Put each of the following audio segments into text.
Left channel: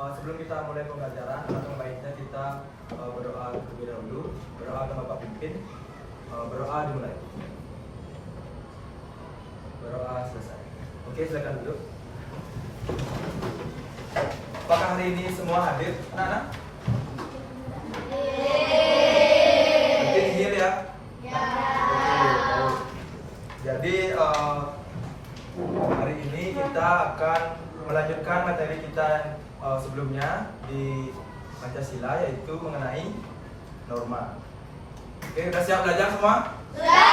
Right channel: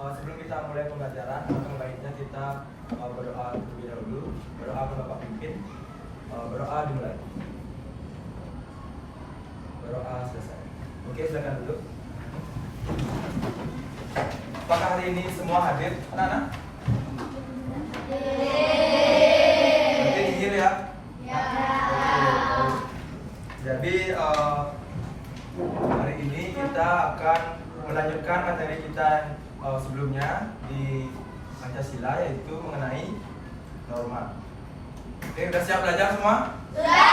Sebelum kita mulai pembelajaran, alangkah baiknya kita berdoa terlebih dahulu. Berdoa ke Bapak Pimpin. Berdoa dimulai. Berdoa selesai. Oke, silakan duduk. Apakah hari ini semua hadir, anak-anak? Penting hil ya. Jadi hari ini kita akan melanjutkan materi kita sebelumnya di Pancasila, yaitu mengenai norma. Oke, udah siap belajar semua? Sudah.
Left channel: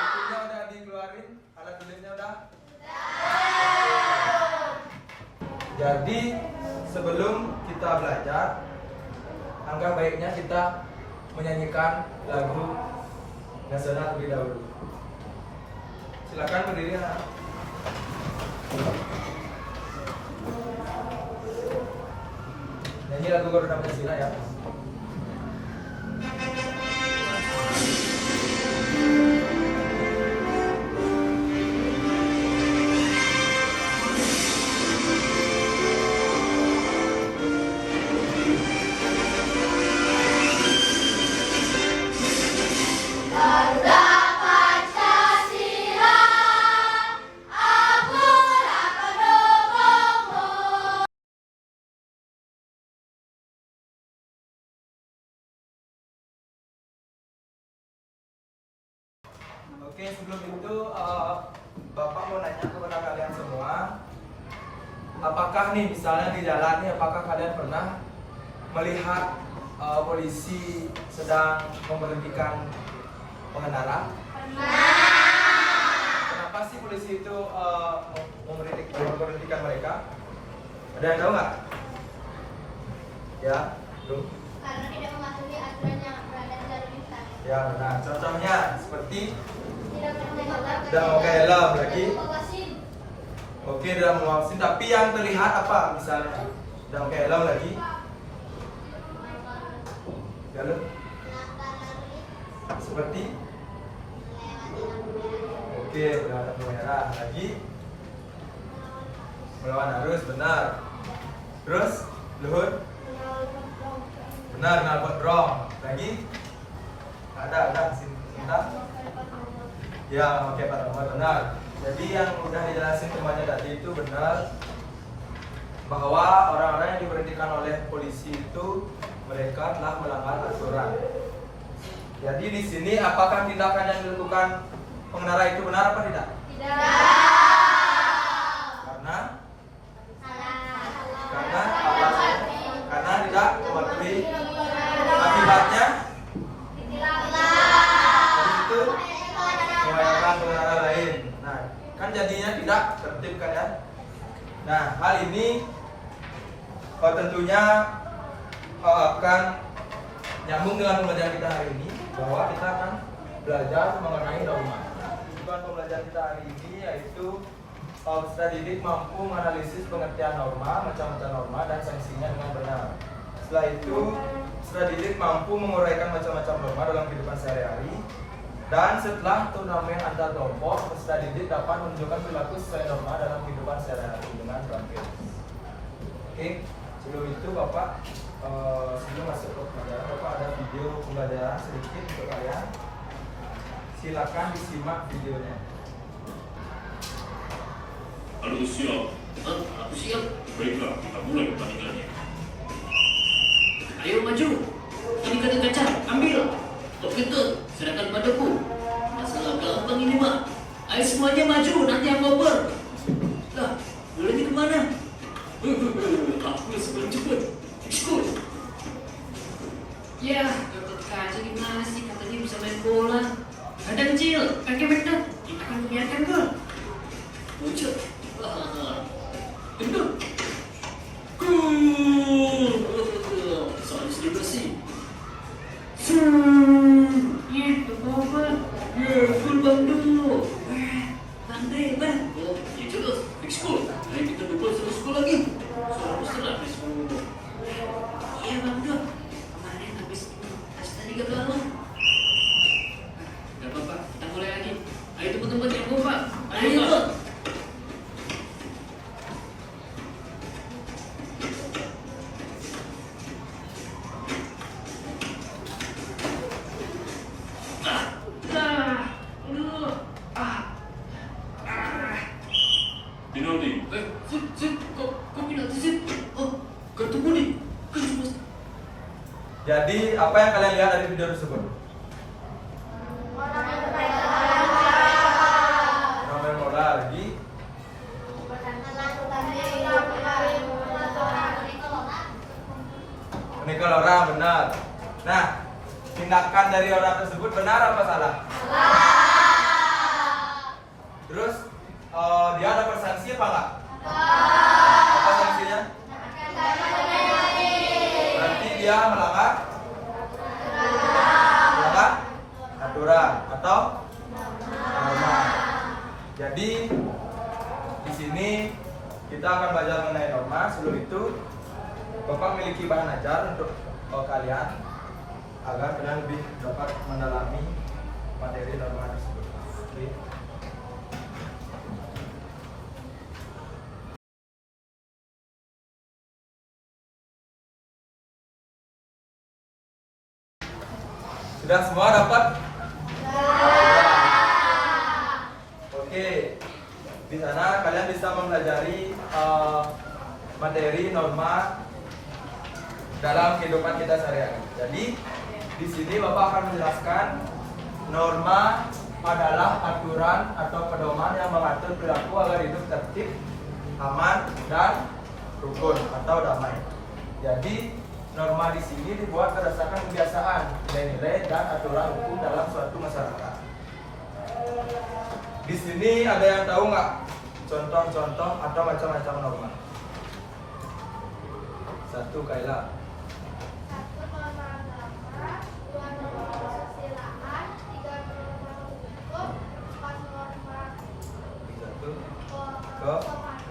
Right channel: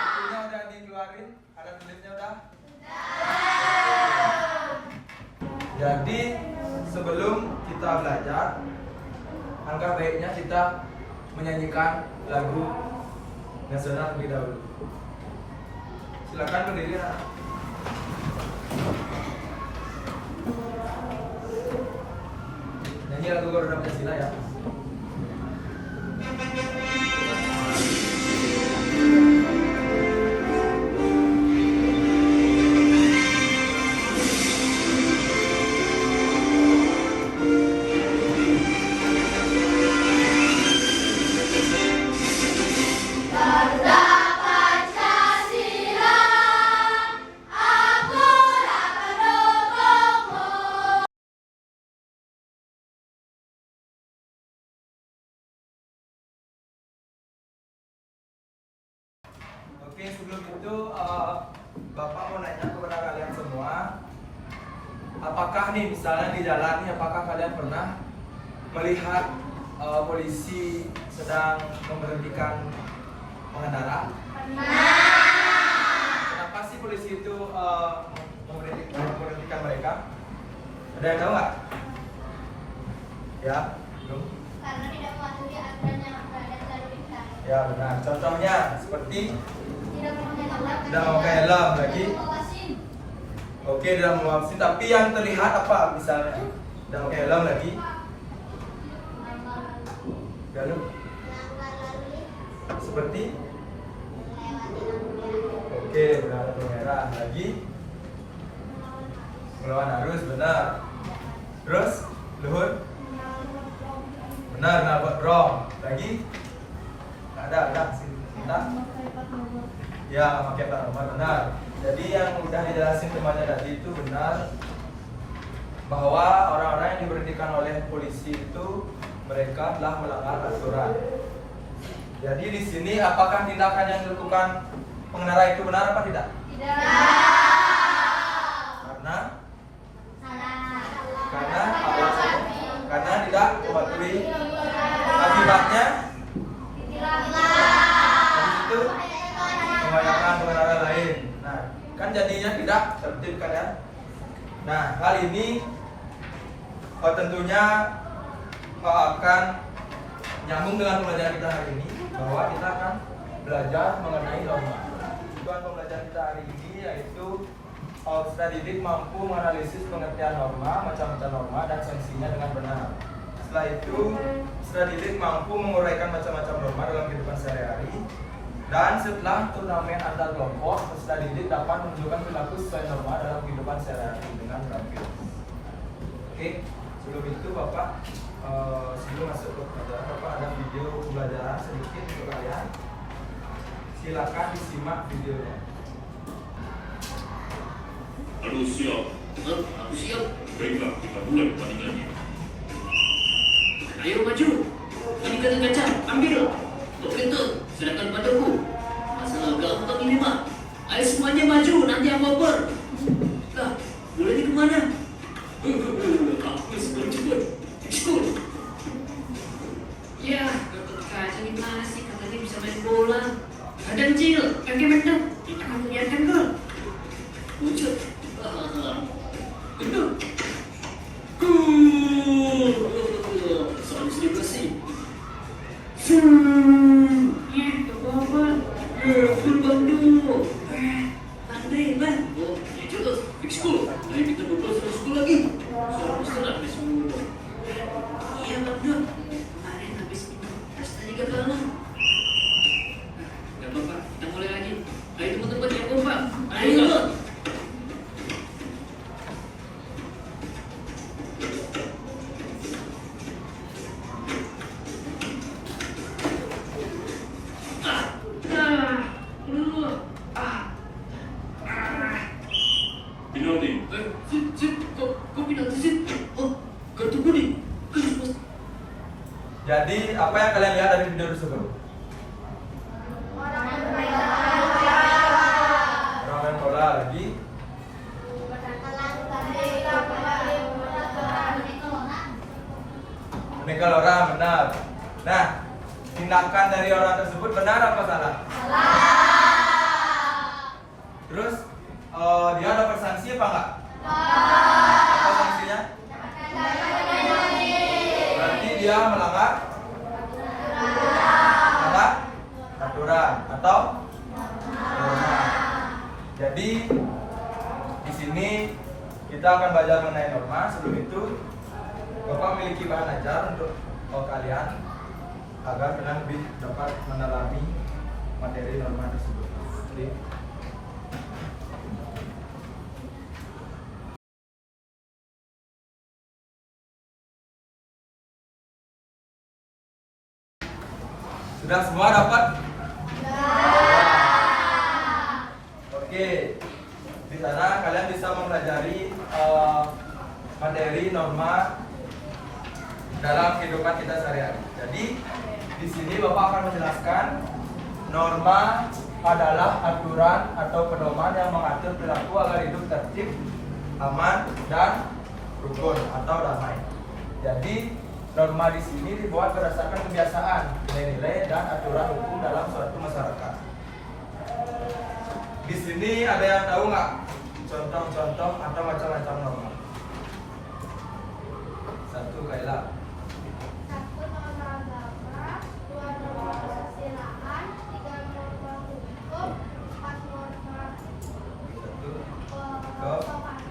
Bukunya udah dikeluarin, alat tulisnya udah? Sudah. Jadi sebelum kita belajar, alangkah baiknya kita menyanyikan lagu nasional terlebih dahulu. Silakan berdiri. Nyanyi lagu Garuda Pancasila ya. Oke, sebelum itu Bapak mau nanya kepada kalian semua, apakah nih misalnya di jalan nih, apakah kalian pernah melihat polisi sedang memberhentikan pengendara? Kenapa sih polisi itu memberhentikan mereka? Ada yang tahu nggak? Ya, belum. Karena tidak mematuhi aturan yang ada di lalu lintas. Ya benar. Contohnya seperti Tidak memakai helm lagi. Oke, tidak memakai vaksin. Tapi yang terlihat apa misalnya? Tidak memakai helm lagi. Ya lu. Seperti. Oke, berlampu merah lagi. Melawan arus, benar. Terus, luhur. Benar, nabrak drong. Lagi. Ada sini kita. Ya, pakai plat nomor, benar. Jadi yang udah dijelasin temannya tadi itu benar, bahwa orang-orang yang diberhentikan oleh polisi itu mereka telah melanggar aturan. Jadi di sini apakah tindakan yang dilakukan pengendara itu benar apa tidak? Tidak. Karena tidak mematuhi. Akibatnya itu membahayakan pengendara lain. Nah, kan jadinya tidak tertib kan ya. Nah, hal ini tentunya akan nyambung dengan pembelajaran kita hari ini, bahwa kita akan belajar mengenai norma. Tujuan pembelajaran kita hari ini yaitu peserta didik mampu menganalisis pengertian norma, macam-macam norma, dan sanksinya dengan benar. Setelah itu, peserta didik mampu menguraikan macam-macam norma dalam kehidupan sehari-hari. Dan setelah turnamen antar kelompok, peserta didik dapat menunjukkan perilaku sesuai norma dalam kehidupan sehari-hari dengan grafikis. Oke, sebelum itu Bapak, sebelum masuk ke pembelajaran, Bapak ada video pembelajaran sedikit untuk kalian. Silakan disimak videonya. Halo, siap. Aku siap. Baiklah, kita mulai pertandingannya. Ayo maju. Ini kaca, ambil. Tok kentut, serahkan padaku. Masalah gampang ini mah. Ayo semuanya maju, nanti aku oper. Lah, bolanya kemana? Aku sedang cepet. Ikut. Ya, kaca gimana sih? Katanya bisa main bola. Badan kecil, kaki mendek. Kita akan biarkan gol. Pucuk. Soal selebrasi. Full bang dulu. Andre, bang. bilang sih. Oh, kartu kuning. Christmas. Jadi apa yang kalian lihat dari video tersebut? Orang yang main Orang main bola lagi. Menikah orang benar. Nah, tindakan dari orang tersebut benar apa salah? Terus dia ada bersanksi apa enggak? Apa sanksinya? Berarti dia melanggar aturan atau norma. Jadi di sini kita akan belajar mengenai norma. Sebelum itu, Bapak memiliki bahan ajar untuk kalian agar kalian lebih dapat mendalami materi norma tersebut. Oke. Sudah semua dapat? Oke. Di sana kalian bisa mempelajari materi norma dalam kehidupan kita sehari-hari. Jadi di sini Bapak akan menjelaskan norma adalah aturan atau pedoman yang mengatur perilaku agar hidup tertib, aman, dan rukun atau damai. Jadi norma di sini dibuat berdasarkan kebiasaan, nilai-nilai, dan aturan hukum dalam suatu masyarakat. Di sini ada yang tahu nggak contoh-contoh atau macam-macam norma? Satu, Kaila. Satu, norma agama. Dua, norma kesusilaan. Tiga, norma hukum. Empat, norma Satu,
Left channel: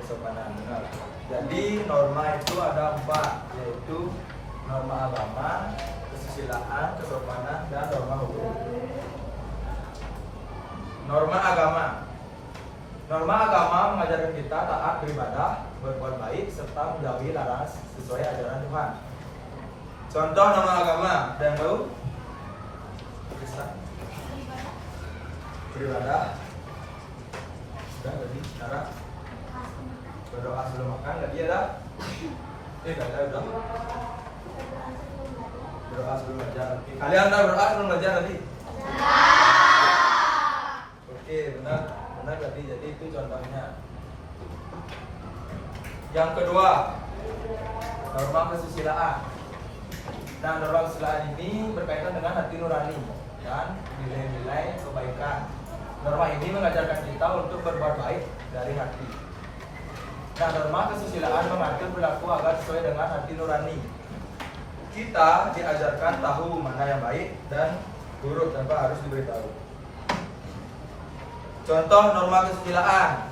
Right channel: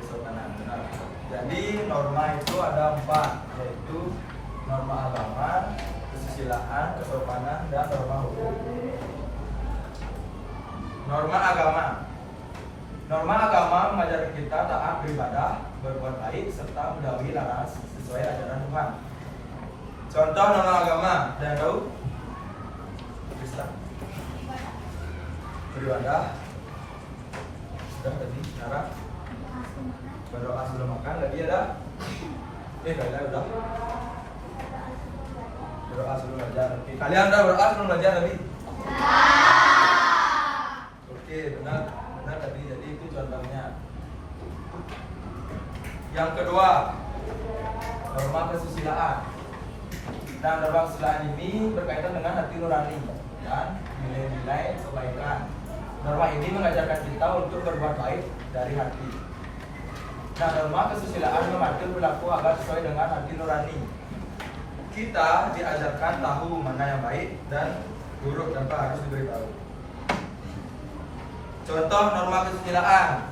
kesopanan. Benar. Jadi norma itu ada 4, yaitu norma agama, kesusilaan, kesopanan, dan norma hukum. Norma agama. Norma agama mengajarkan kita taat beribadah, berbuat baik, serta menjauhi larangan sesuai ajaran Tuhan. Contoh norma agama, ada yang tahu? Bisa. Beribadah. Sudah tadi, sekarang berdoa sebelum makan, tadi ada? Kalian udah? Berdoa sebelum belajar. Oke, kalian udah berdoa sebelum belajar tadi? Oke, benar tadi. Jadi itu contohnya. Yang kedua, norma kesusilaan. Nah, norma kesusilaan ini berkaitan dengan hati nurani dan nilai-nilai kebaikan. Norma ini mengajarkan kita untuk berbuat baik dari hati. Nah, norma kesusilaan mengatur perilaku agar sesuai dengan hati nurani. Kita diajarkan tahu mana yang baik dan buruk tanpa harus diberitahu. Contoh norma kesusilaan.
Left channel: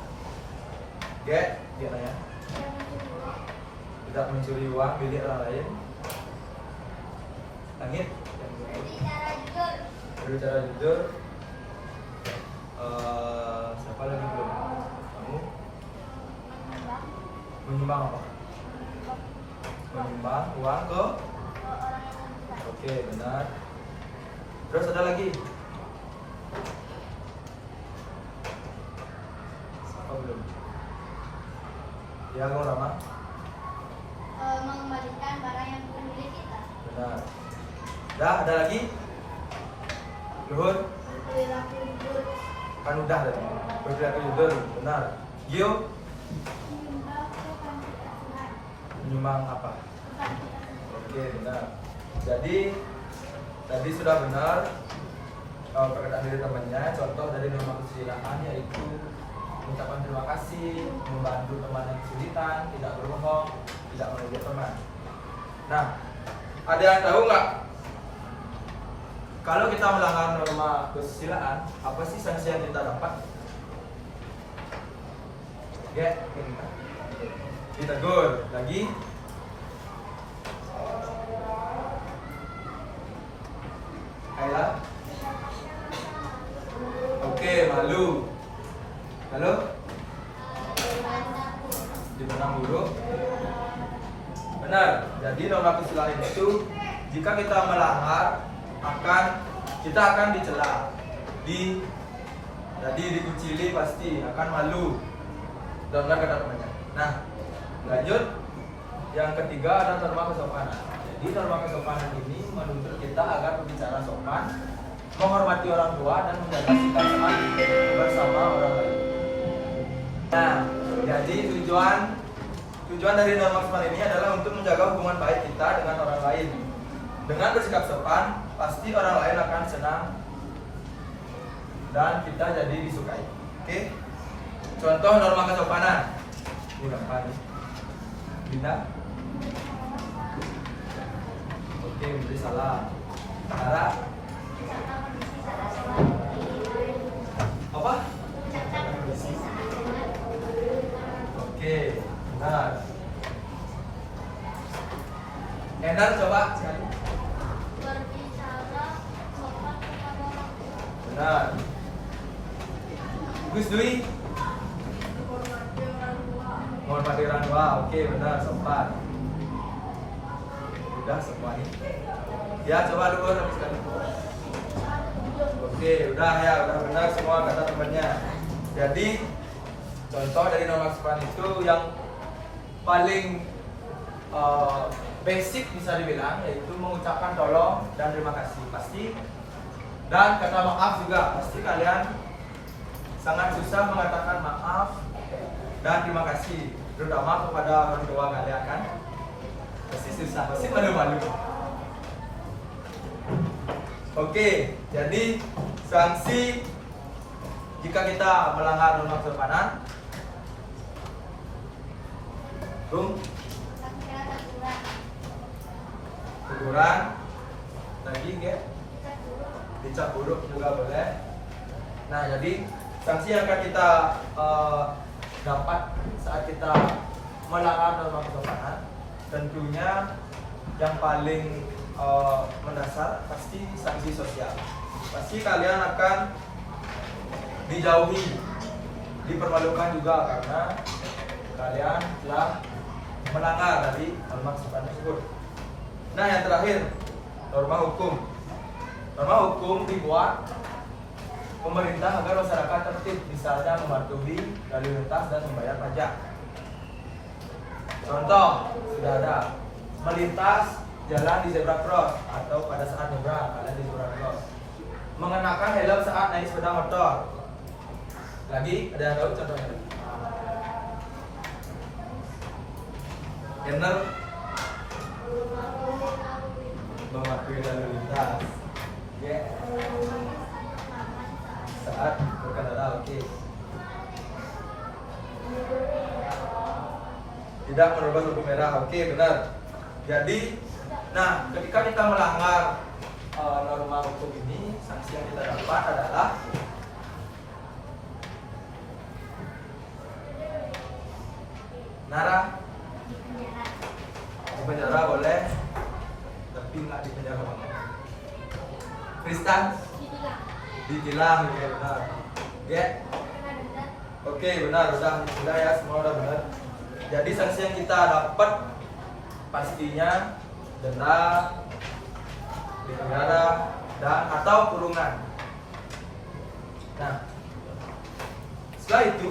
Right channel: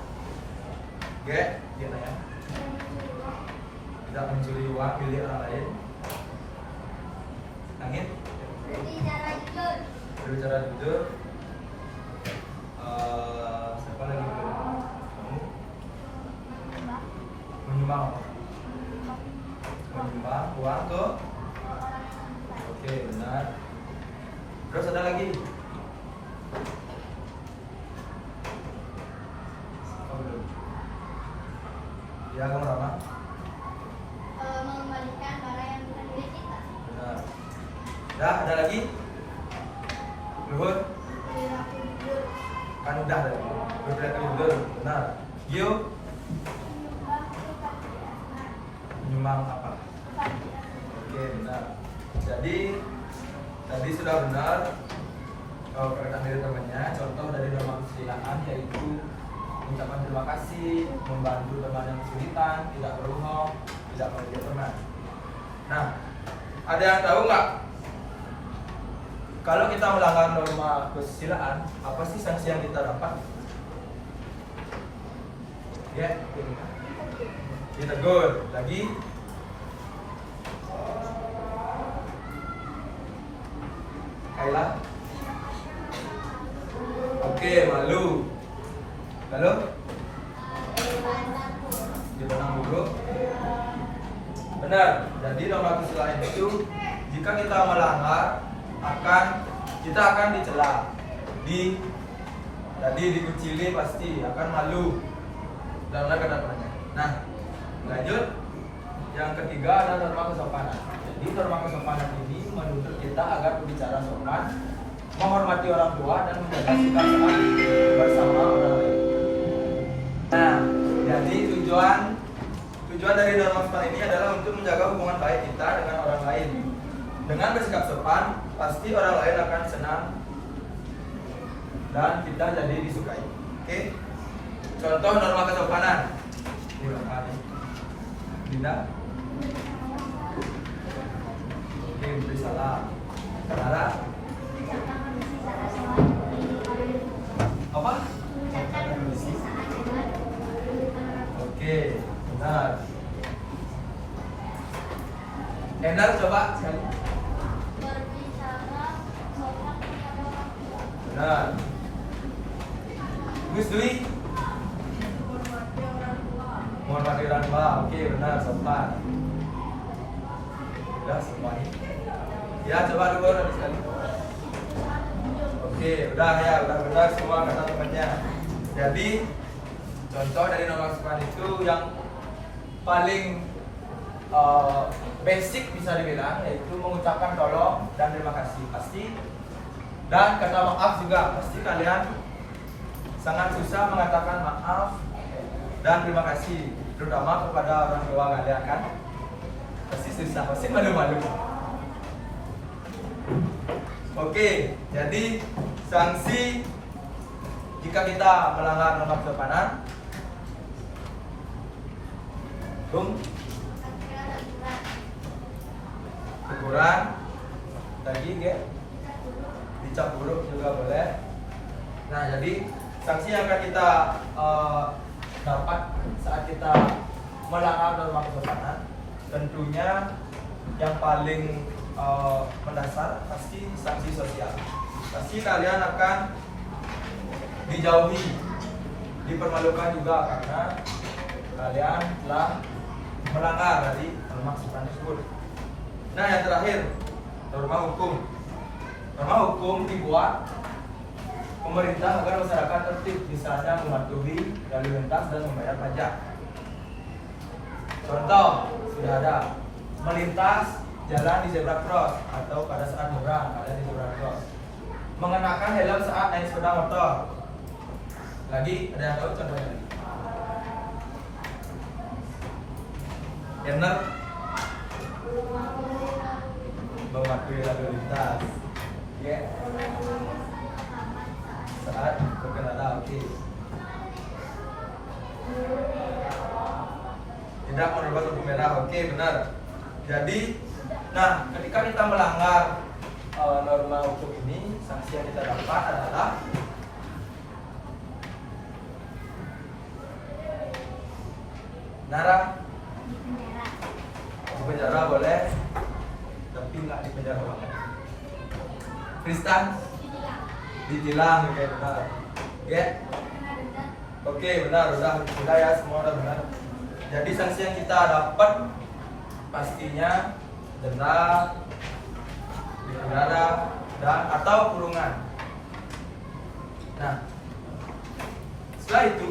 Oke, gitu ya. Tidak mencuri uang milik orang lain. Langit. Berbicara jujur. Berbicara jujur. Siapa lagi kamu? Menyumbang apa? Menyumbang uang ke? Oke, benar. Terus ada lagi? Ya, kamu Rama? Mengembalikan barang yang bukan milik kita. Benar. Dah, ada lagi? Luhur? Perilaku jujur. Kan udah tadi. Berperilaku jujur, benar. Gio? Menyumbang apa? Oke, benar. Jadi tadi sudah benar perkataan dari temannya. Contoh dari norma kesusilaan yaitu mengucapkan terima kasih, membantu teman yang kesulitan, tidak berbohong, tidak merugikan teman. Nah, ada yang tahu nggak? Kalau kita melanggar norma kesusilaan, apa sih sanksi yang kita dapat? Ya, ditegur. Lagi? Kaila? Oke, malu. Lalu? Ditendang buruk. Benar. Jadi norma kesusilaan itu jika kita melanggar kita akan dicela. Tadi dikucili pasti akan malu. Benar kata temannya. Nah, lanjut. Yang ketiga ada norma kesopanan. Jadi norma kesopanan ini menuntut kita agar berbicara sopan, menghormati orang tua dan menjaga sikap sopan bersama orang lain. Nah, jadi tujuan dari norma kesopanan ini adalah untuk menjaga hubungan baik kita dengan orang lain. Dengan bersikap sopan, pasti orang lain akan senang dan kita jadi disukai. Oke? Contoh norma kesopanan. Ini apa nih? Tidak. Oke, beri salam. Nara. Apa? Oke, benar. Enak coba sekali. Benar. Gus Dwi. Menghormati orang tua. Oke, benar, sopan. Udah semuanya. Ya, coba dulu habis sekali. Oke, udah ya, udah benar semua kata temannya. Jadi contoh dari norma sopan itu yang paling basic bisa dibilang yaitu mengucapkan tolong dan terima kasih pasti, dan kata maaf juga pasti kalian sangat susah mengatakan maaf dan terima kasih, terutama kepada orang tua kalian kan pasti susah, pasti malu-malu. Oke, jadi sanksi jika kita melanggar norma kesopanan, teguran, tadi ya, dicap buruk juga boleh. Nah, jadi sanksi yang akan kita dapat saat kita melanggar norma kesopanan, tentunya yang paling mendasar pasti sanksi sosial. Pasti kalian akan dijauhi, dipermalukan juga karena kalian telah melanggar dari norma kesopanan tersebut. Nah, yang terakhir, norma hukum. Norma hukum dibuat pemerintah agar masyarakat tertib, misalnya mematuhi lalu lintas dan membayar pajak. Contoh sudah ada, melintas jalan di zebra cross atau pada saat nyebrang kalian di zebra cross, mengenakan helm saat naik sepeda motor. Lagi ada yang tahu contohnya? Yang mematuhi lalu lintas, ya, saat berkendara. Oke. Tidak menerobos lampu merah. Oke, benar. Jadi, nah, ketika kita melanggar norma hukum ini, sanksi yang kita dapat adalah Nara, di penjara boleh, tapi nggak di penjara banget. Tristan, ditilang, ya benar. Ya, oke, benar, sudah ya, semua udah benar. Jadi sanksi yang kita dapat pastinya denda, di penjara, dan atau kurungan. Nah, setelah itu,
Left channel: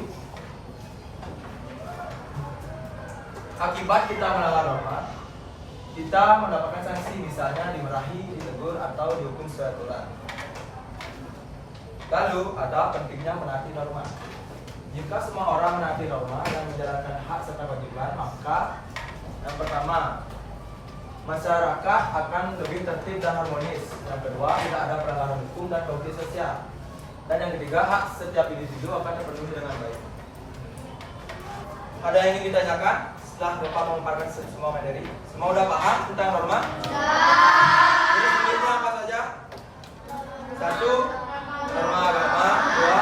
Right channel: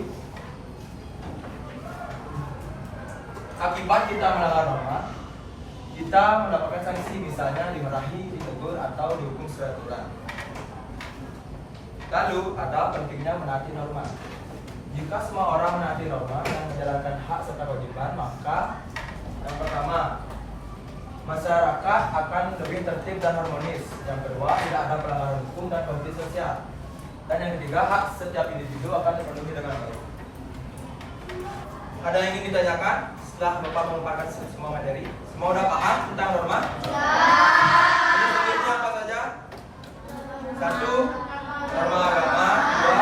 akibat kita melanggar norma, kita mendapatkan sanksi, misalnya dimarahi, ditegur, atau dihukum secara aturan. Lalu ada pentingnya menaati norma. Jika semua orang menaati norma dan menjalankan hak serta kewajiban, maka yang pertama, masyarakat akan lebih tertib dan harmonis. Yang kedua, tidak ada pelanggaran hukum dan konflik sosial. Dan yang ketiga, hak setiap individu akan dipenuhi dengan baik. Ada yang ingin ditanyakan setelah Bapak memaparkan semua materi? Semua udah paham tentang norma? Ya. Ini selanjutnya apa saja? 1. Norma agama. 2.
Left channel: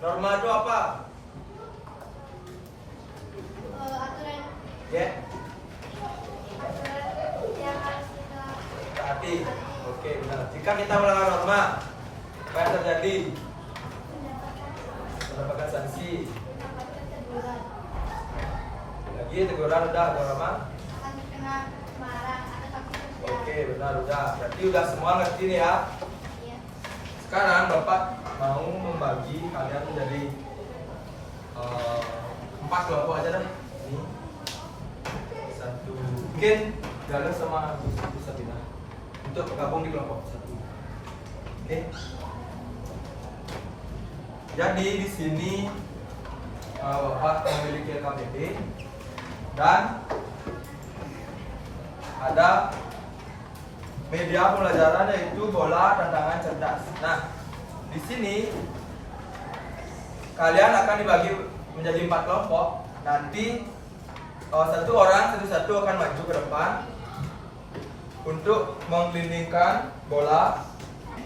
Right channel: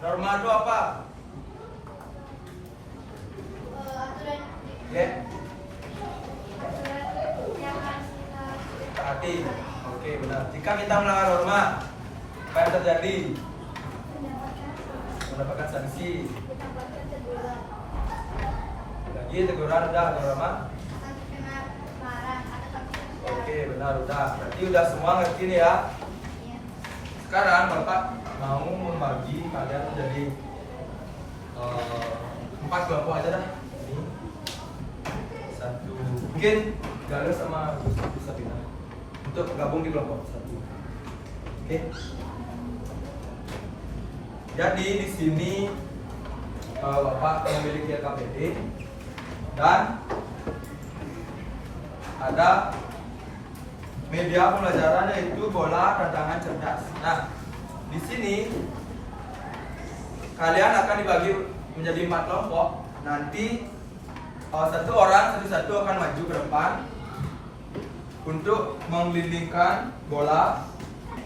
Norma itu apa? Ya. Taati. Oke, benar. Jika kita melanggar norma, apa yang terjadi? Mendapatkan sanksi. Lagi teguran udah norma? Oke, benar udah. Berarti udah semua ngerti nih ya. Sekarang Bapak mau membagi kalian menjadi kelompok aja dah. Ini. Satu. Mungkin Galuh sama Agus bisa pindah untuk bergabung di kelompok satu. Oke. Jadi di sini Bapak memiliki LKPD dan ada media pembelajaran yaitu bola tantangan cerdas. Nah, di sini kalian akan dibagi menjadi 4 kelompok. Nanti satu orang satu-satu akan maju ke depan untuk menggelindingkan bola.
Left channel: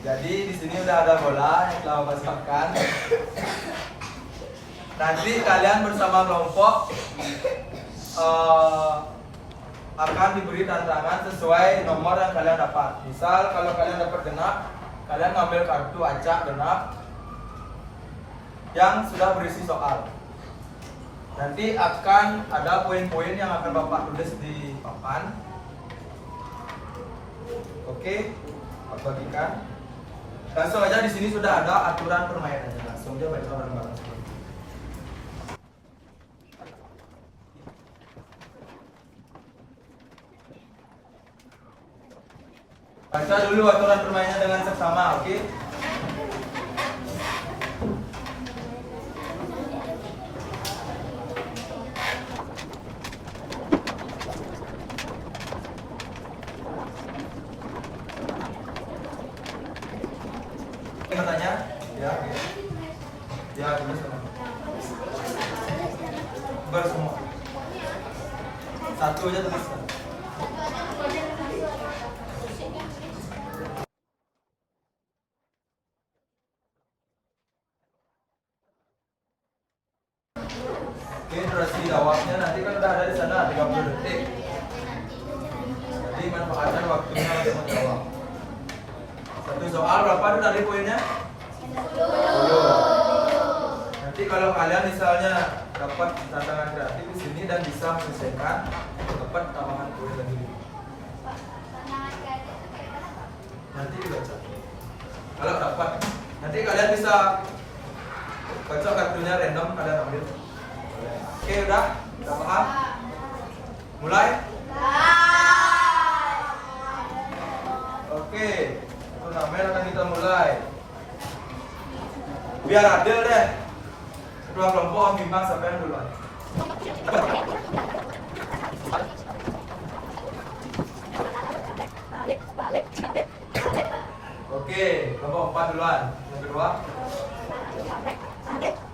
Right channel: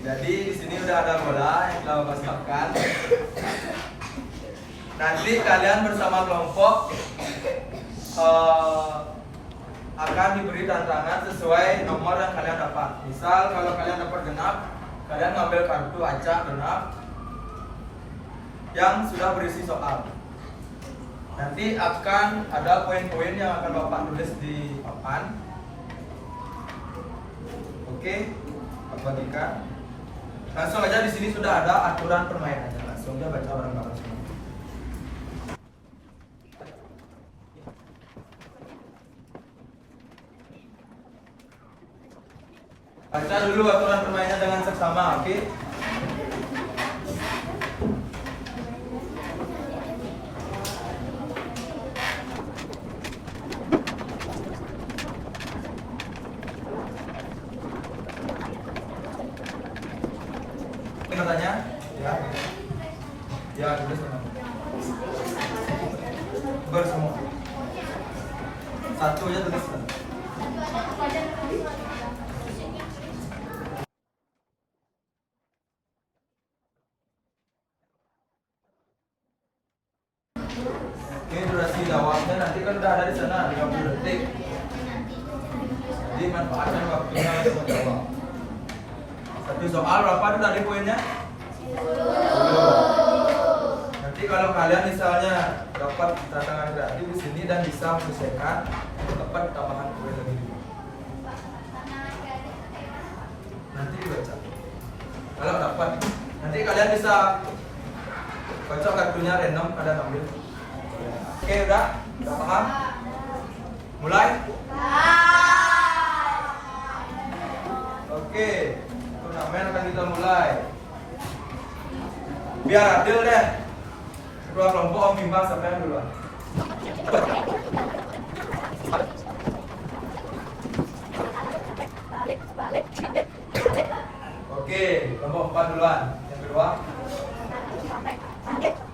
Jadi di sini udah ada bola yang telah masukkan. Nanti kalian bersama kelompok akan diberi tantangan sesuai nomor yang kalian dapat. Misal kalau kalian dapat genap, kalian ngambil kartu acak genap yang sudah berisi soal. Nanti akan ada poin-poin yang akan Bapak tulis di papan. Oke, Bapak bagikan. Langsung aja di sini sudah ada aturan permainan. Langsung aja baca bareng-bareng. Baca dulu aturan permainannya dengan seksama, oke? Ini matanya? Ya. Ya, tulis sama. Bersemua. Satu aja tuliskan. Ini durasi jawabnya nanti kan udah ada di sana 30 detik. Jadi manfaatkan waktunya untuk jawab. Satu soal berapa tuh tadi poinnya? 10. Nanti kalau kalian misalnya dapat tantangan kreatif di sini dan bisa menyelesaikan, dapat tambahan poin lagi. Nanti baca. Kalau dapat, nanti kalian bisa baca kartunya random kalian ambil. Oke, udah paham? Mulai? Oke, turnamen akan kita mulai. Biar adil deh. Kedua kelompok Om Bimbang sampai duluan. Oke, kelompok 4 duluan. Yang kedua.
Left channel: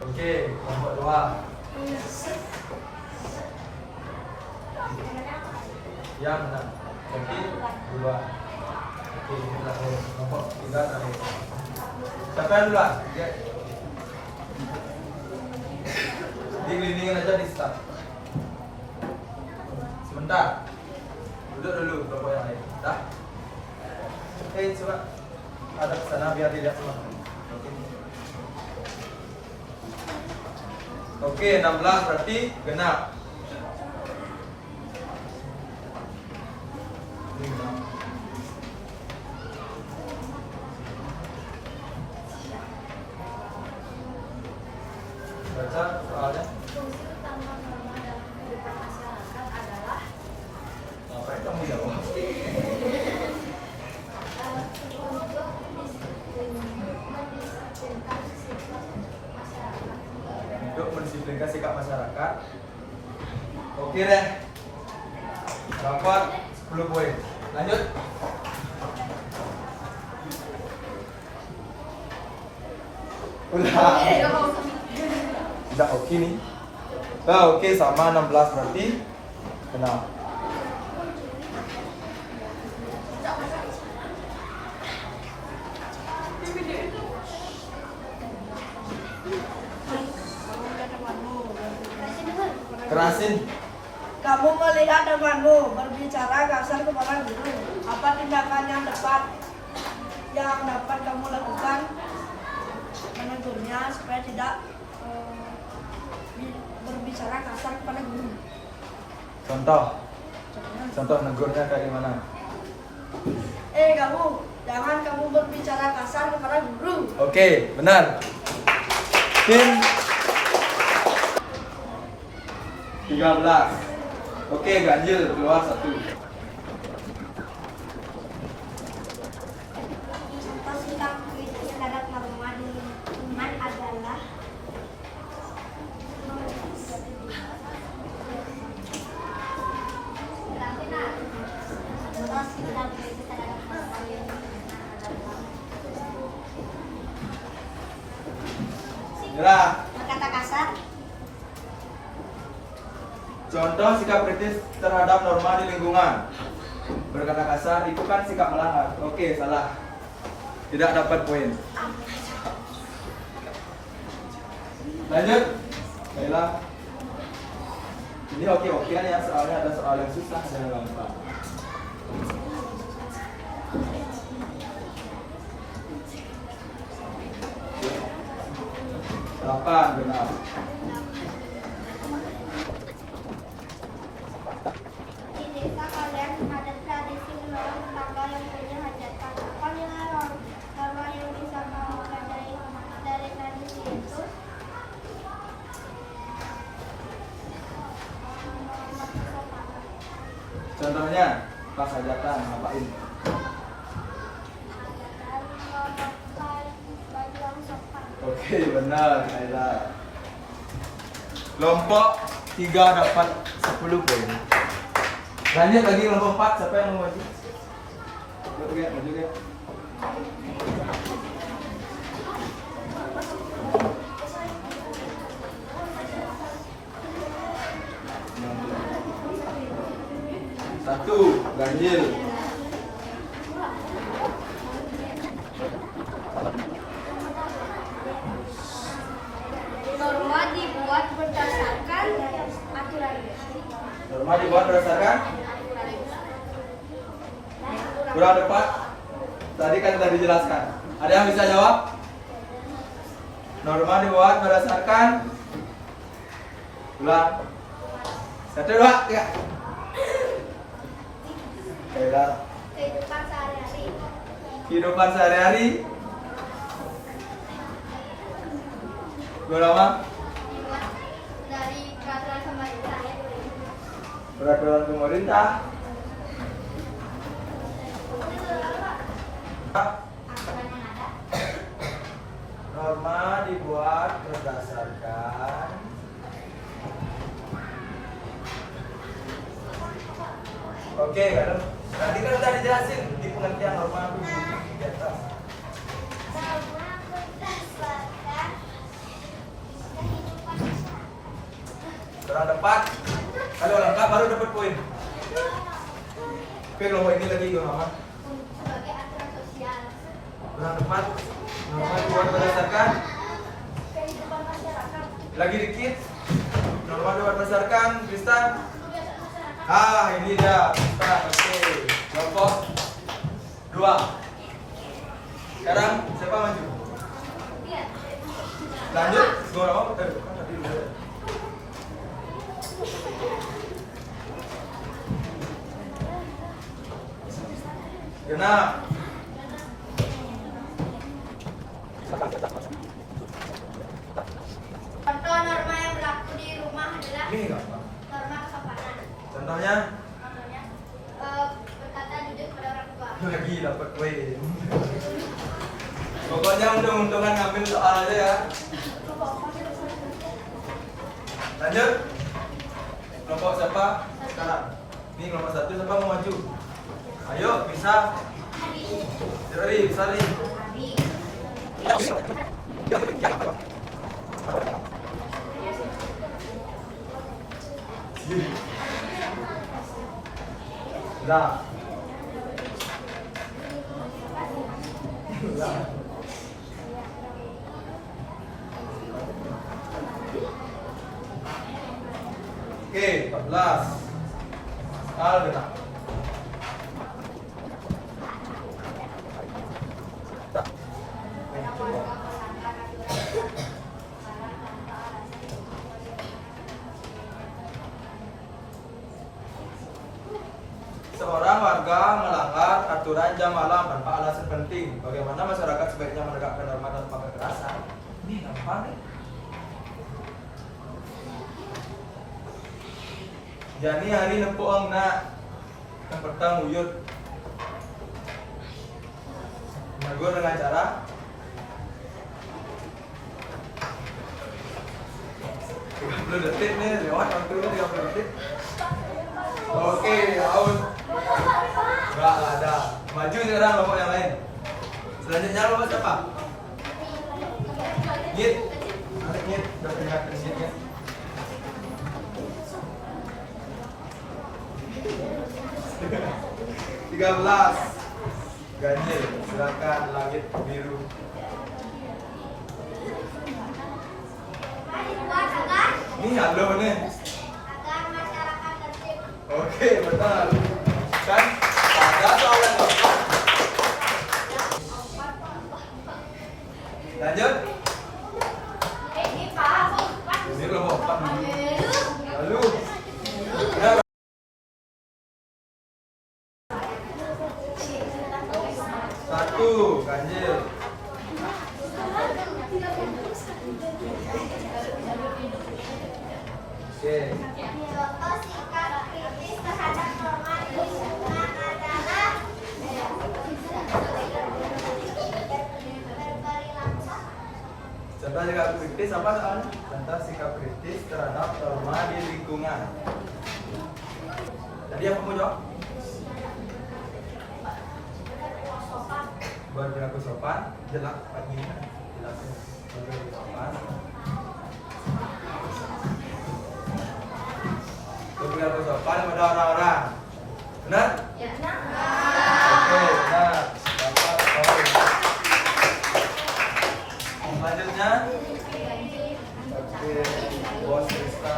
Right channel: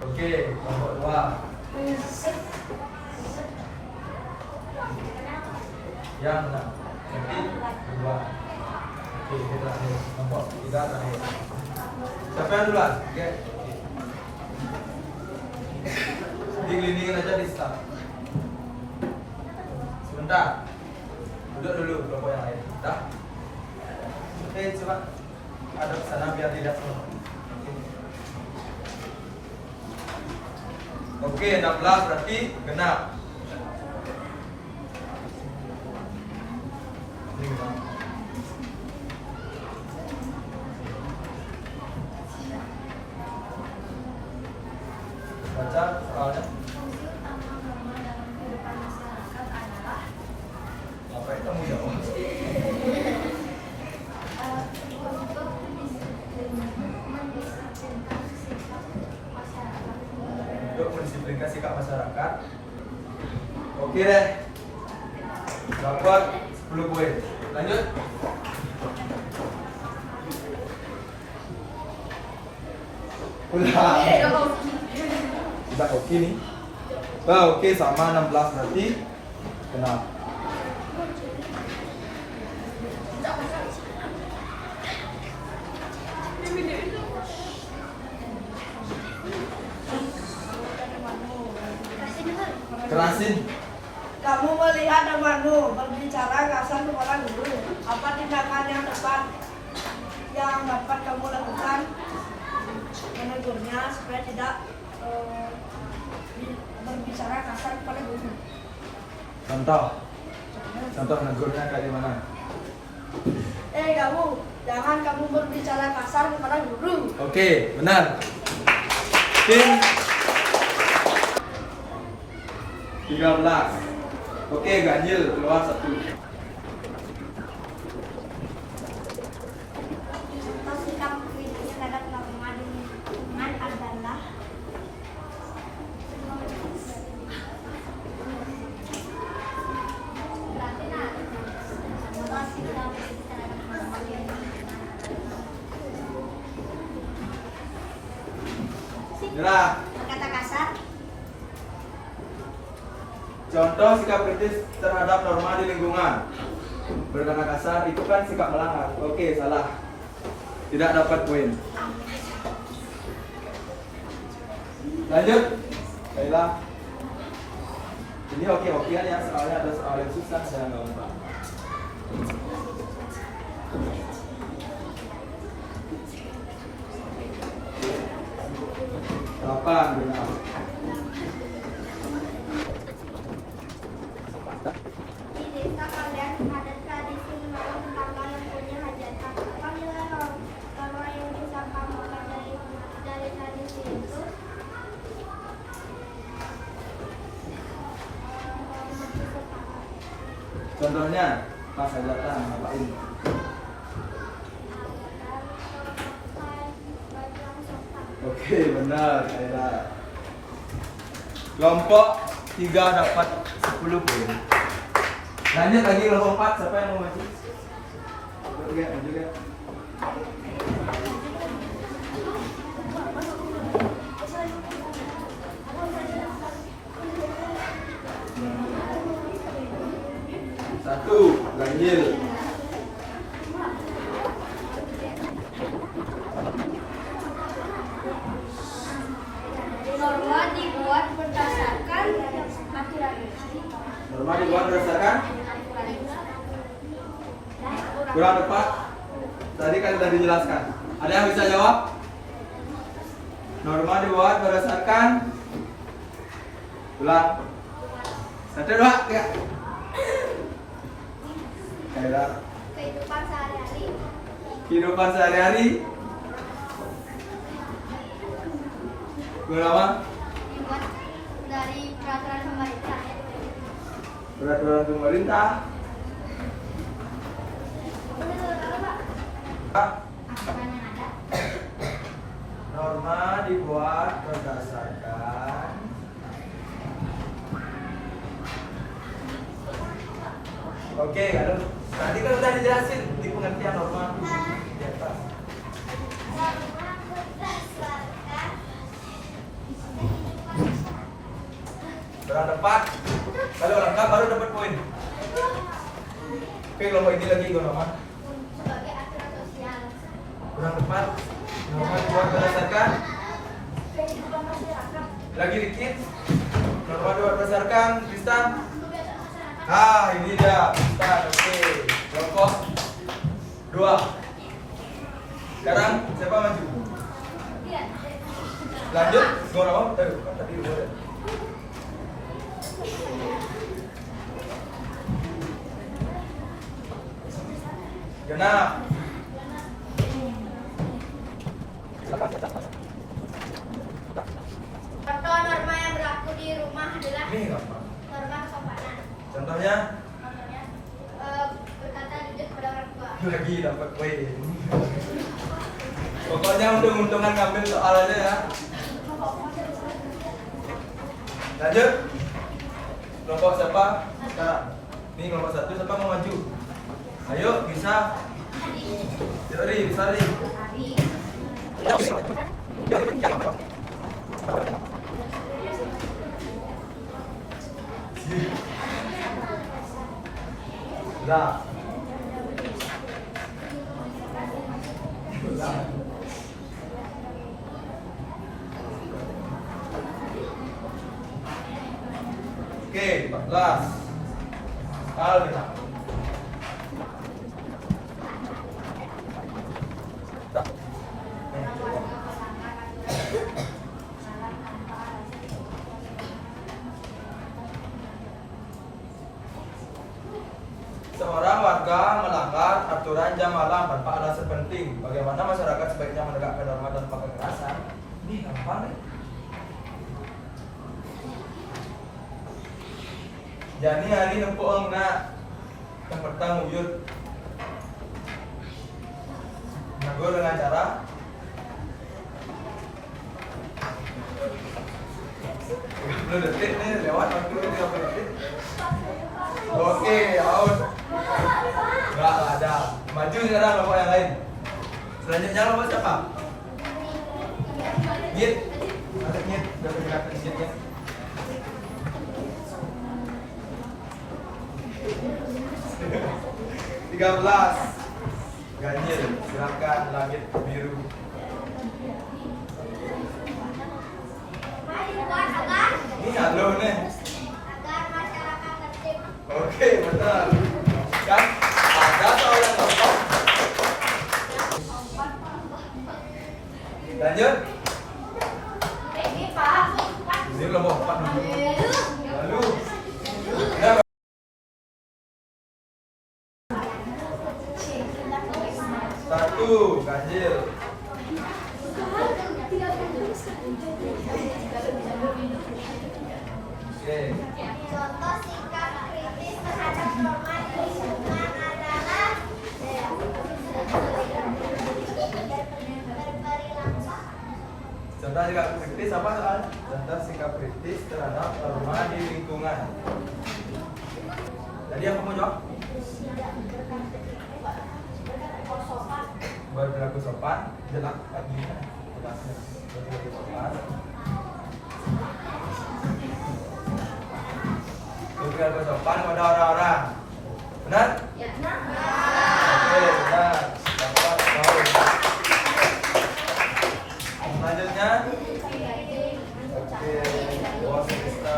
Oke, kelompok 2. Yang mana? Jadi 2. Oke, ini terakhir. Kelompok 3 terakhir. Siapa yang duluan? Oke. Digelindingin aja di start. Sebentar. Duduk dulu kelompok yang lain. Dah. Oke, coba ada kesana biar tidak semua. Oke, 16 berarti genap. Baca soalnya. Fungsi utama norma dalam kehidupan masyarakat adalah Apa yang kamu jawab? Untuk mendisiplinkan sikap masyarakat. Oke deh. Dapat 10 poin. Lanjut. Udah. Udah oke nih. Nah, oke sama 16 nanti. Kenapa? Kerasin. Kamu melihat temanmu berbicara kasar kepada guru. Apa tindakan yang tepat yang dapat kamu lakukan? Menegurnya supaya tidak berbicara kasar kepada guru. Contoh negurnya kayak gimana? Kamu, jangan kamu berbicara kasar kepada guru. Oke, benar. Oke. 13. Oke, ganjil keluar 1. Contoh sikap kritis terhadap norma di lingkungan adalah contoh sikap kritis terhadap norma di lingkungan Gerak. berkata kasar, Contoh sikap kritis terhadap norma di lingkungan. Berkata kasar itu kan sikap melanggar. Oke, salah. Tidak dapat poin. Lanjut. Kayla. Ini oke-okean ya, soalnya ada soal yang susah dan gampang. Delapan, benar. di desa kalian ada tradisi menolong tetangga yang punya hajatan. Apa nilai norma yang bisa kamu pelajari dari tradisi itu? Contohnya, pas hajatan ngapain? Oke, benar. Kayla. Kelompok 3 dapat 10 poin. Lanjut lagi kelompok 4, siapa yang mau maju? Maju ya. Satu, ganjil. Norma dibuat berdasarkan aturan. Norma dibuat berdasarkan kurang tepat. Tadi kan sudah dijelaskan. Ada yang bisa jawab? Norma dibuat berdasarkan ulang. 1, 2, 3. Kayla. Kehidupan sehari-hari. Kehidupan sehari-hari. Berapa? Dari peraturan pemerintah. Peraturan pemerintah. Aturan yang ada. Norma dibuat berdasarkan Oke, kalau tadi kan udah dijelasin di pengertian norma di atas. Kurang tepat. Kalau lengkap baru dapat poin. Oke, kelompok ini lagi norma. Sebagai aturan sosial. Kurang tepat. Norma dibuat berdasarkan Kehidupan masyarakat. lagi dikit. Norma dibuat berdasarkan Kristan. Ah, ini dia. Nah, oke. Kelompok 2. Sekarang siapa maju? Lanjut. Gua tadi udah. Genap. Contoh norma yang berlaku di rumah adalah Ini gampang. norma kesopanan. Contohnya Contohnya, berkata jujur pada orang tua. lagi dapat poin. Pokoknya untung-untungan ngambil soal aja ya. Lanjut. Kelompok siapa? Sekarang. Ini kelompok 1 siapa mau maju? Ayo, bisa. Bisa nih. Udah. Udah. Oke, 14. Alvin. Seorang warga melanggar aturan jam malam tanpa alasan penting. Bagaimana masyarakat sebaiknya menegakkan norma tanpa kekerasan? Ini gampang nih. Jani hari nempoang na yang petang uyut. Menegur dengan cara 30 detik nih lewat waktu 30 detik. Oke, out. Nggak ada. Maju sekarang kelompok yang lain. Selanjutnya kelompok siapa? Git. Nanti Git. Udah peringatan Git ya. Tiga belas. Ganjil. Silakan langit biru. Ini halo nih. Agar masyarakat tertib. Oke, betul. Kan ada atau yang kelompok? Lanjut. Ini kelompok 4 dulu. Lalu. Udah. Satu, ganjil. Oke. Contoh sikap kritis terhadap norma di lingkungan adalah Contoh sikap kritis apa soal? Contoh sikap kritis terhadap norma di lingkungan. Tadi apa mau jawab? Berperilaku sopan, jelas pagi, jelas berperilaku sopan. Berperilaku sopan kepada orang-orang. Benar? ya. Oke, benar. Dapat poin. Selanjutnya, oke, bos kita.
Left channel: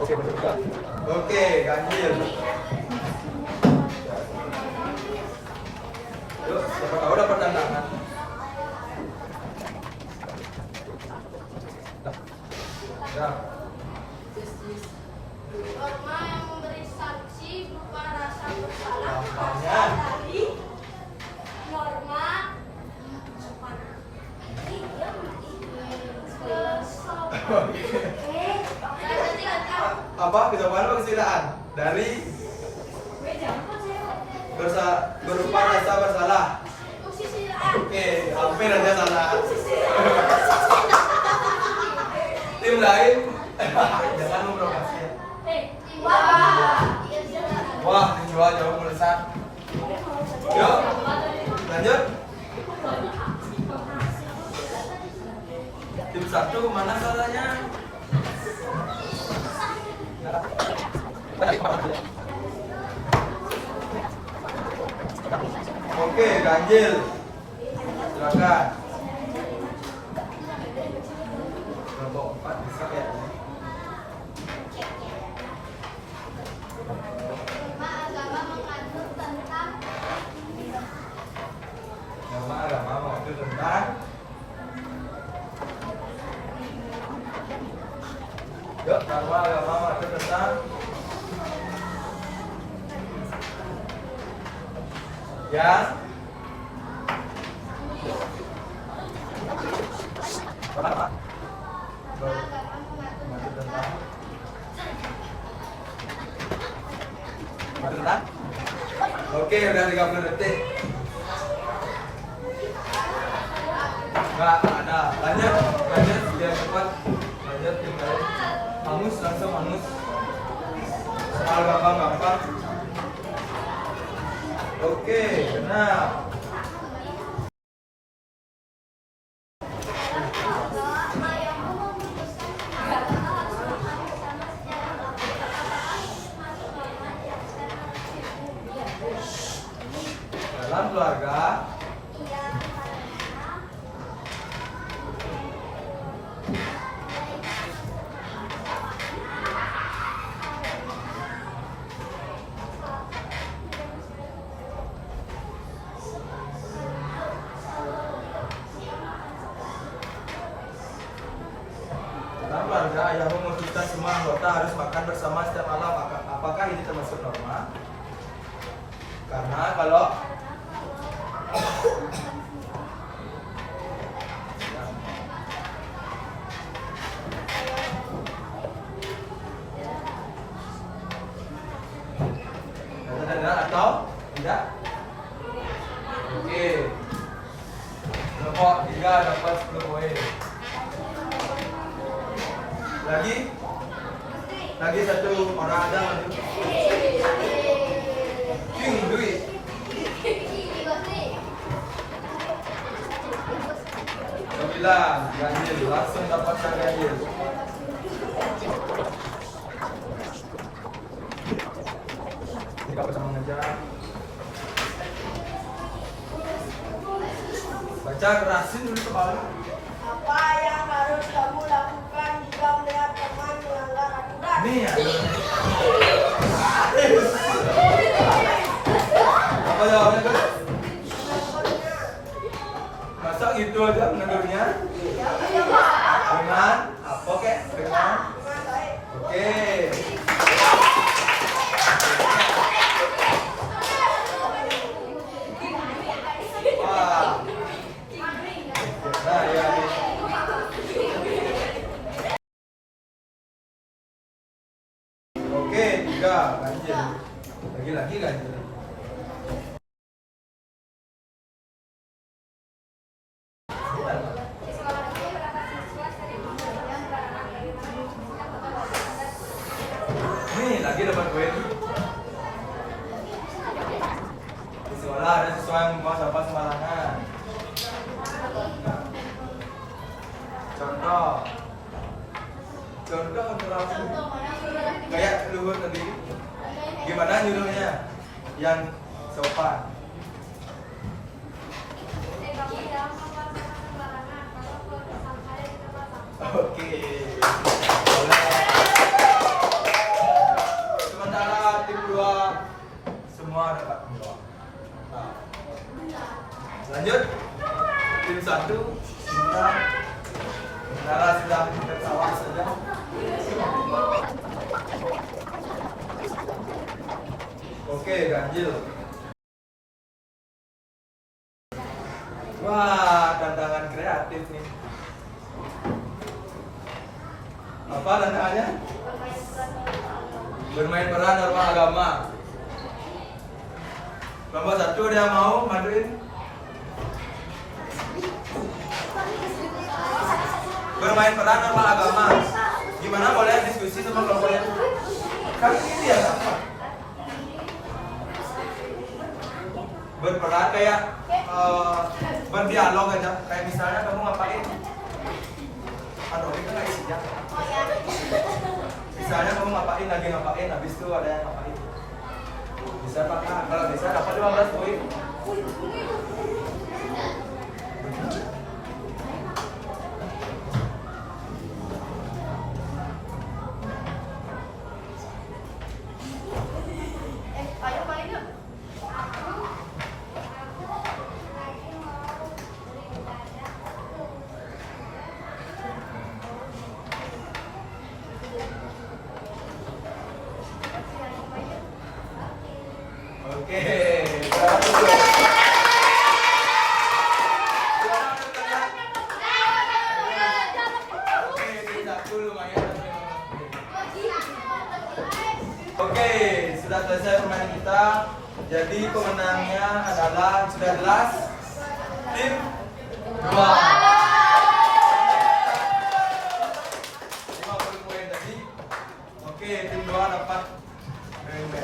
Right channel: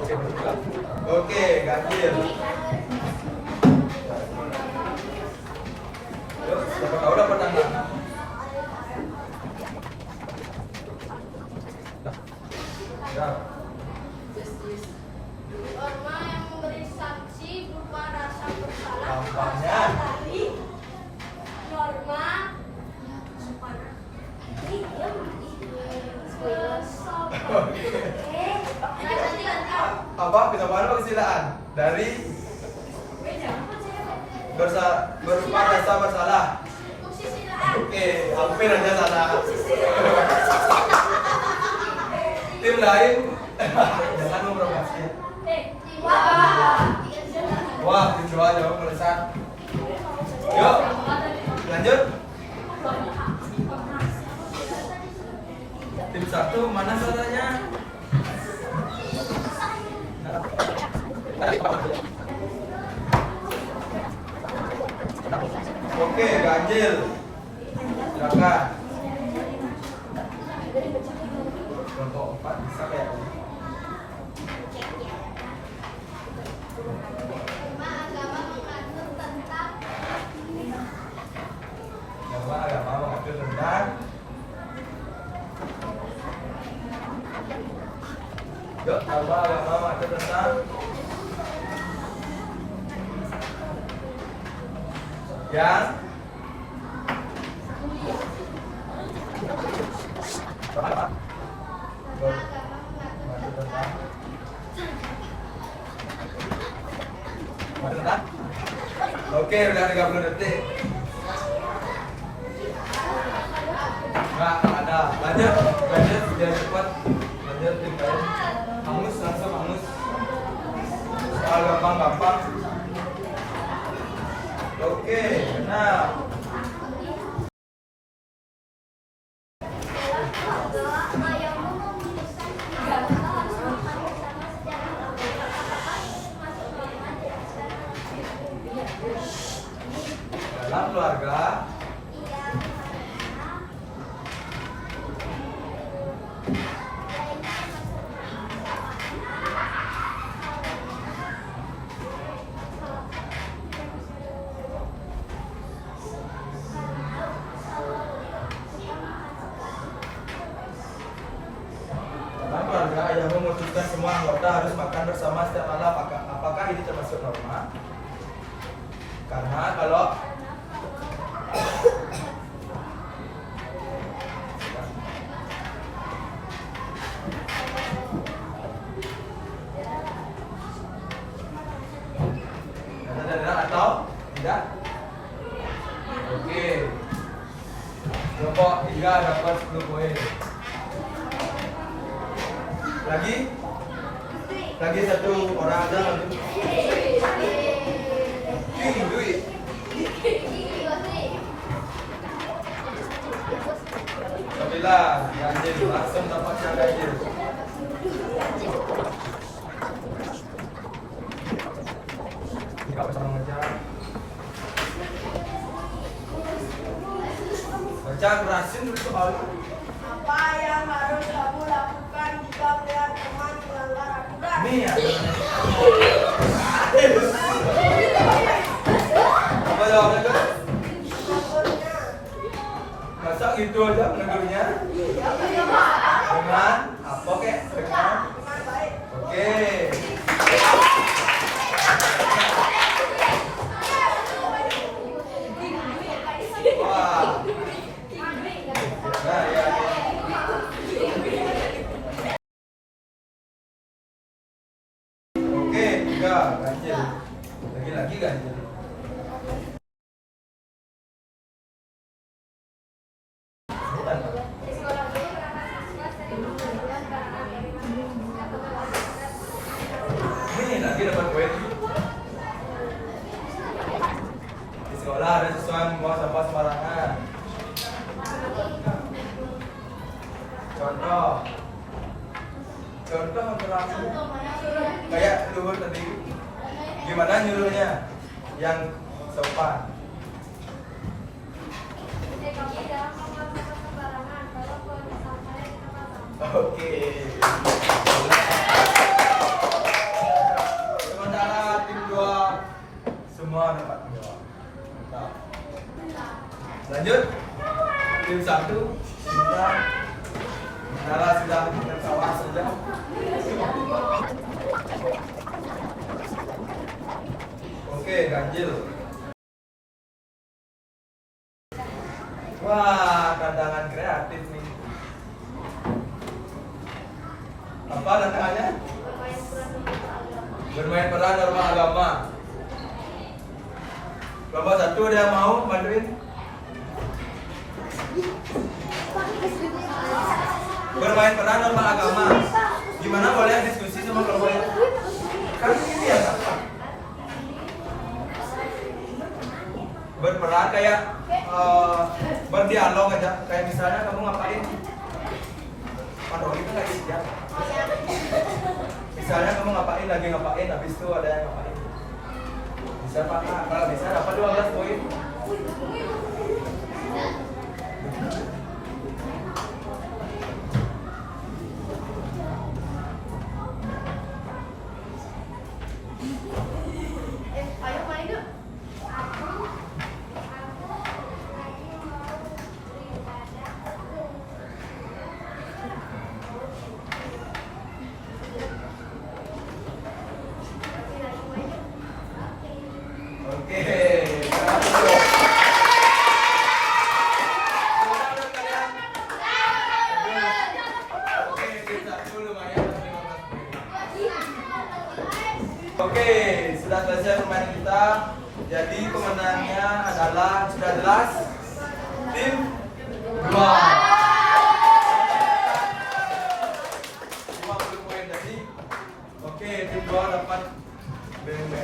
Oke, betul. Oke, ganjil. Yuk, siapa tahu dapat tantangan. Ya. Norma yang memberi sanksi berupa rasa bersalah. Gampangnya. Dari norma Apa kesamaan apa kesilaan? Dari berupa rasa bersalah. Oke, hampir aja salah. Tim lain jangan mempromosi. Wah, tim dua jauh melesat. Yuk, lanjut. Tim satu mana salahnya? Oke, ganjil. Silakan. Kelompok 4 bisa kayak tadi. Agama mengatur tentang Yuk, agama mengatur tentang yang apa? Oke, udah 30 detik. Nggak ada. Lanjut biar cepat. Lanjut tinggal. Mangus langsung mangus. Soal gampang. Oke, benar. Dalam keluarga yang memutuskan semua anggota harus makan bersama setiap malam. Apakah ini termasuk norma? Karena kalau atau tidak? Oke. Kelompok 3 dapat 10 poin. Lagi satu orang ada maju. Duit. Sembilan, Ganjil langsung dapat Ganjil. Tidak usah mengejar. Baca kerasin soal. Apa yang harus kamu lakukan jika melihat teman melanggar aturan? Nih ya. Apa jawabnya kan? Masa gitu aja negurnya? Dengan apa kek? Dengan oke. Wah. Nah, ya. Oke, 3 ganjil. Lagi ganjil. Nih, lagi dapat poin. Di sekolah ada siswa yang membawa sampah sembarangan. Contoh terlalu kayak Luhut tadi. Gimana nyuruhnya? Yang sopan. Oke. Sementara tim 2 semua dapat 2. Lanjut. Tim 1 sementara sedang bersama saja. Oke, ganjil. Wah, tantangan kreatif nih. Apa tantangannya? Bermain peran norma agama. Kelompok 1 ada yang mau bantuin? Bermain peran norma agama. Gimana boleh diskusi sama kelompok itu? Kan ini ya, berperan kayak berdialog aja. Kayak misalnya kamu ngapain? Aduh, itu lagi sejak. Misalnya kamu lagi ngapain, habis itu ada yang ngapain. Bisa Pak, kalau bisa dapat 15 poin. Oke, sudah selesai permainan kita. Jadi pemenangnya adalah sudah jelas tim 2. 50 poin tadi. Oke, tim 2 dapat BMB.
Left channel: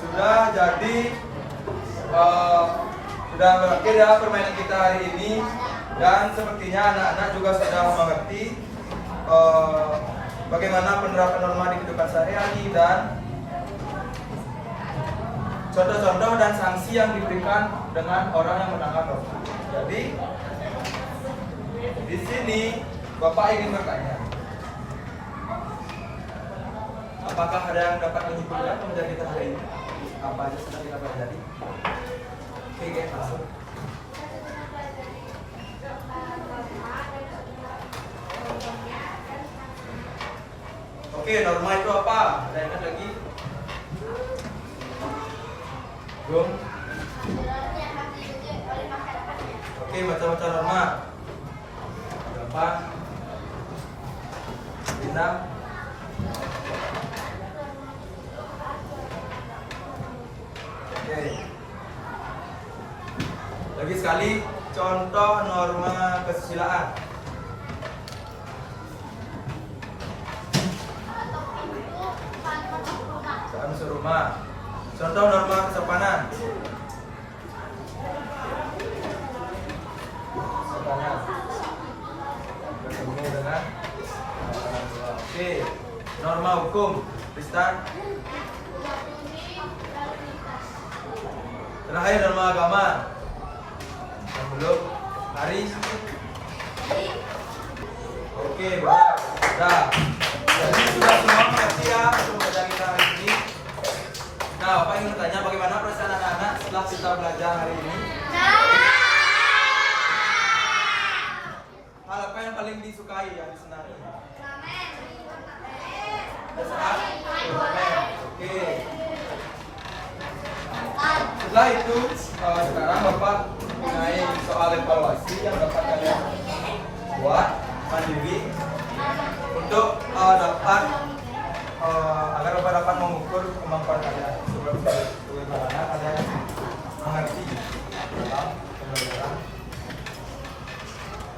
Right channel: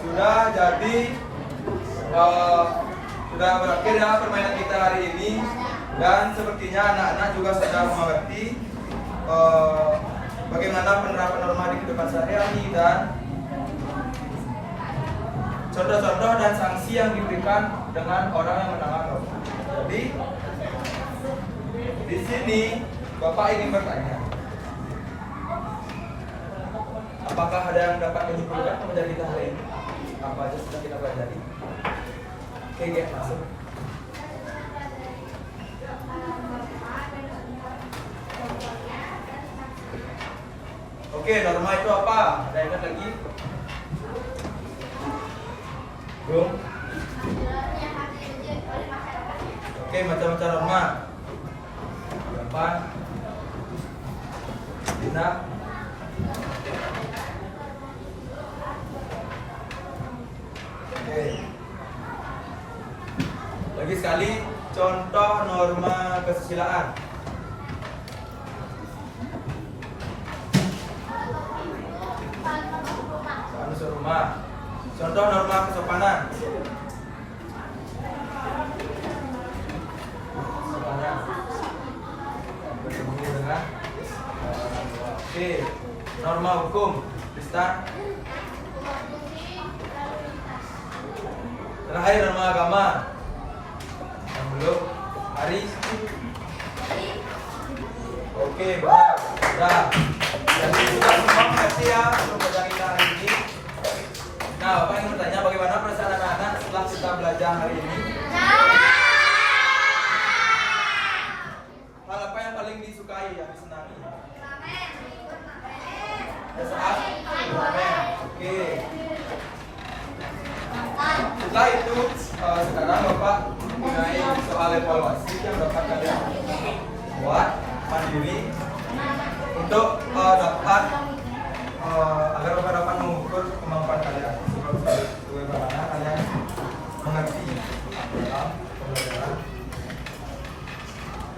Sudah jadi sudah berakhir ya permainan kita hari ini, dan sepertinya anak-anak juga sudah mengerti bagaimana penerapan norma di kehidupan sehari-hari dan contoh-contoh dan sanksi yang diberikan dengan orang yang melanggar norma. Jadi di sini Bapak ingin bertanya, apakah ada yang dapat menyimpulkan pembelajaran kita hari ini? Apa aja sudah kita pelajari? Oke, masuk. Oke, norma itu apa? Ada ingat lagi? Belum? Oke, macam-macam norma. Berapa? 6 Lagi sekali contoh norma kesusilaan. Soal serumah. Contoh norma kesopanan. Sopannya berhubungan dengan oke. Norma hukum. Tristan. Terakhir norma agama. Yang belum hari. Oke, benar. Nah, jadi sudah semua berarti ya untuk belajar kita hari ini. Nah, Bapak ingin bertanya bagaimana perasaan anak-anak setelah kita belajar hari ini? Hal apa yang paling disukai dan disenangi? Saat oke. Setelah itu sekarang Bapak mengenai soal evaluasi yang dapat kalian buat mandiri untuk dapat agar Bapak dapat mengukur kemampuan kalian. Bagaimana kalian mengerti dalam pembelajaran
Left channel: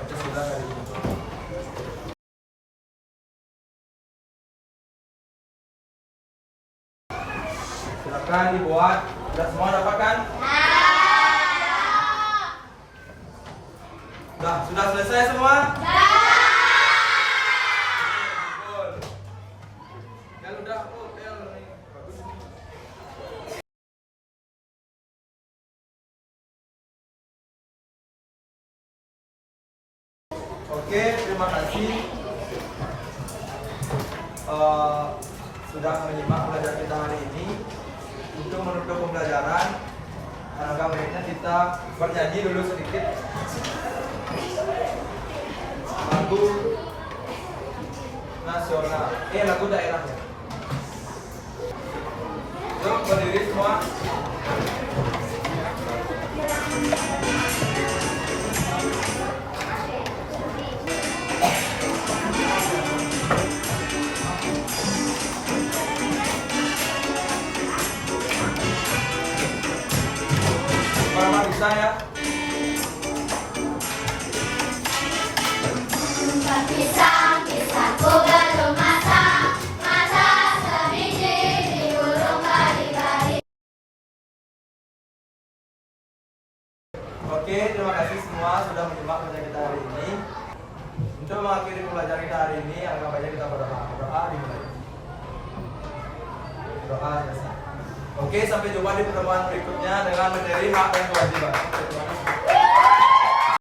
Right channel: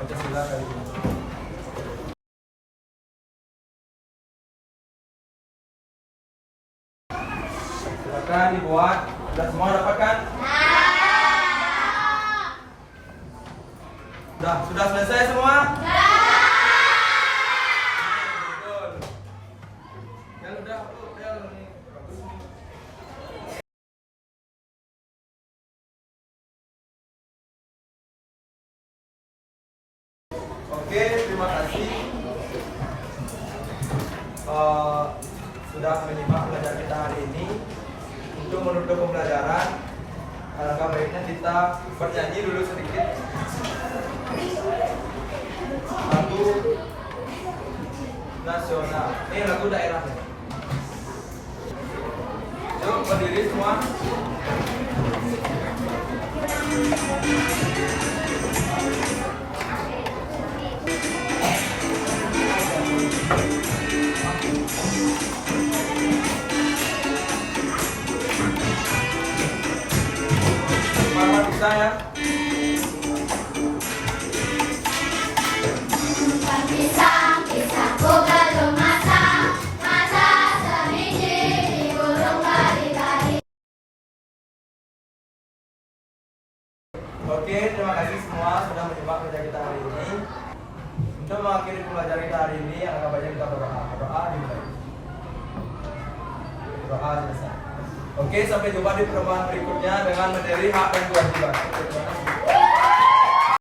Pancasila tadi. Silakan dibuat. Sudah semua dapatkan? Sudah selesai semua? Oke, terima kasih sudah menyimak pelajaran kita hari ini. Untuk menutup pembelajaran, alangkah baiknya kita bernyanyi dulu sedikit lagu nasional, lagu daerahnya. Yuk berdiri semua. Kalau bisa ya. Oke, terima kasih semua sudah menyimak pelajaran kita hari ini. Untuk mengakhiri pelajaran kita hari ini, alangkah baiknya kita berdoa dimulai. Doa selesai. Oke, sampai jumpa di pertemuan berikutnya dengan materi hak dan kewajiban.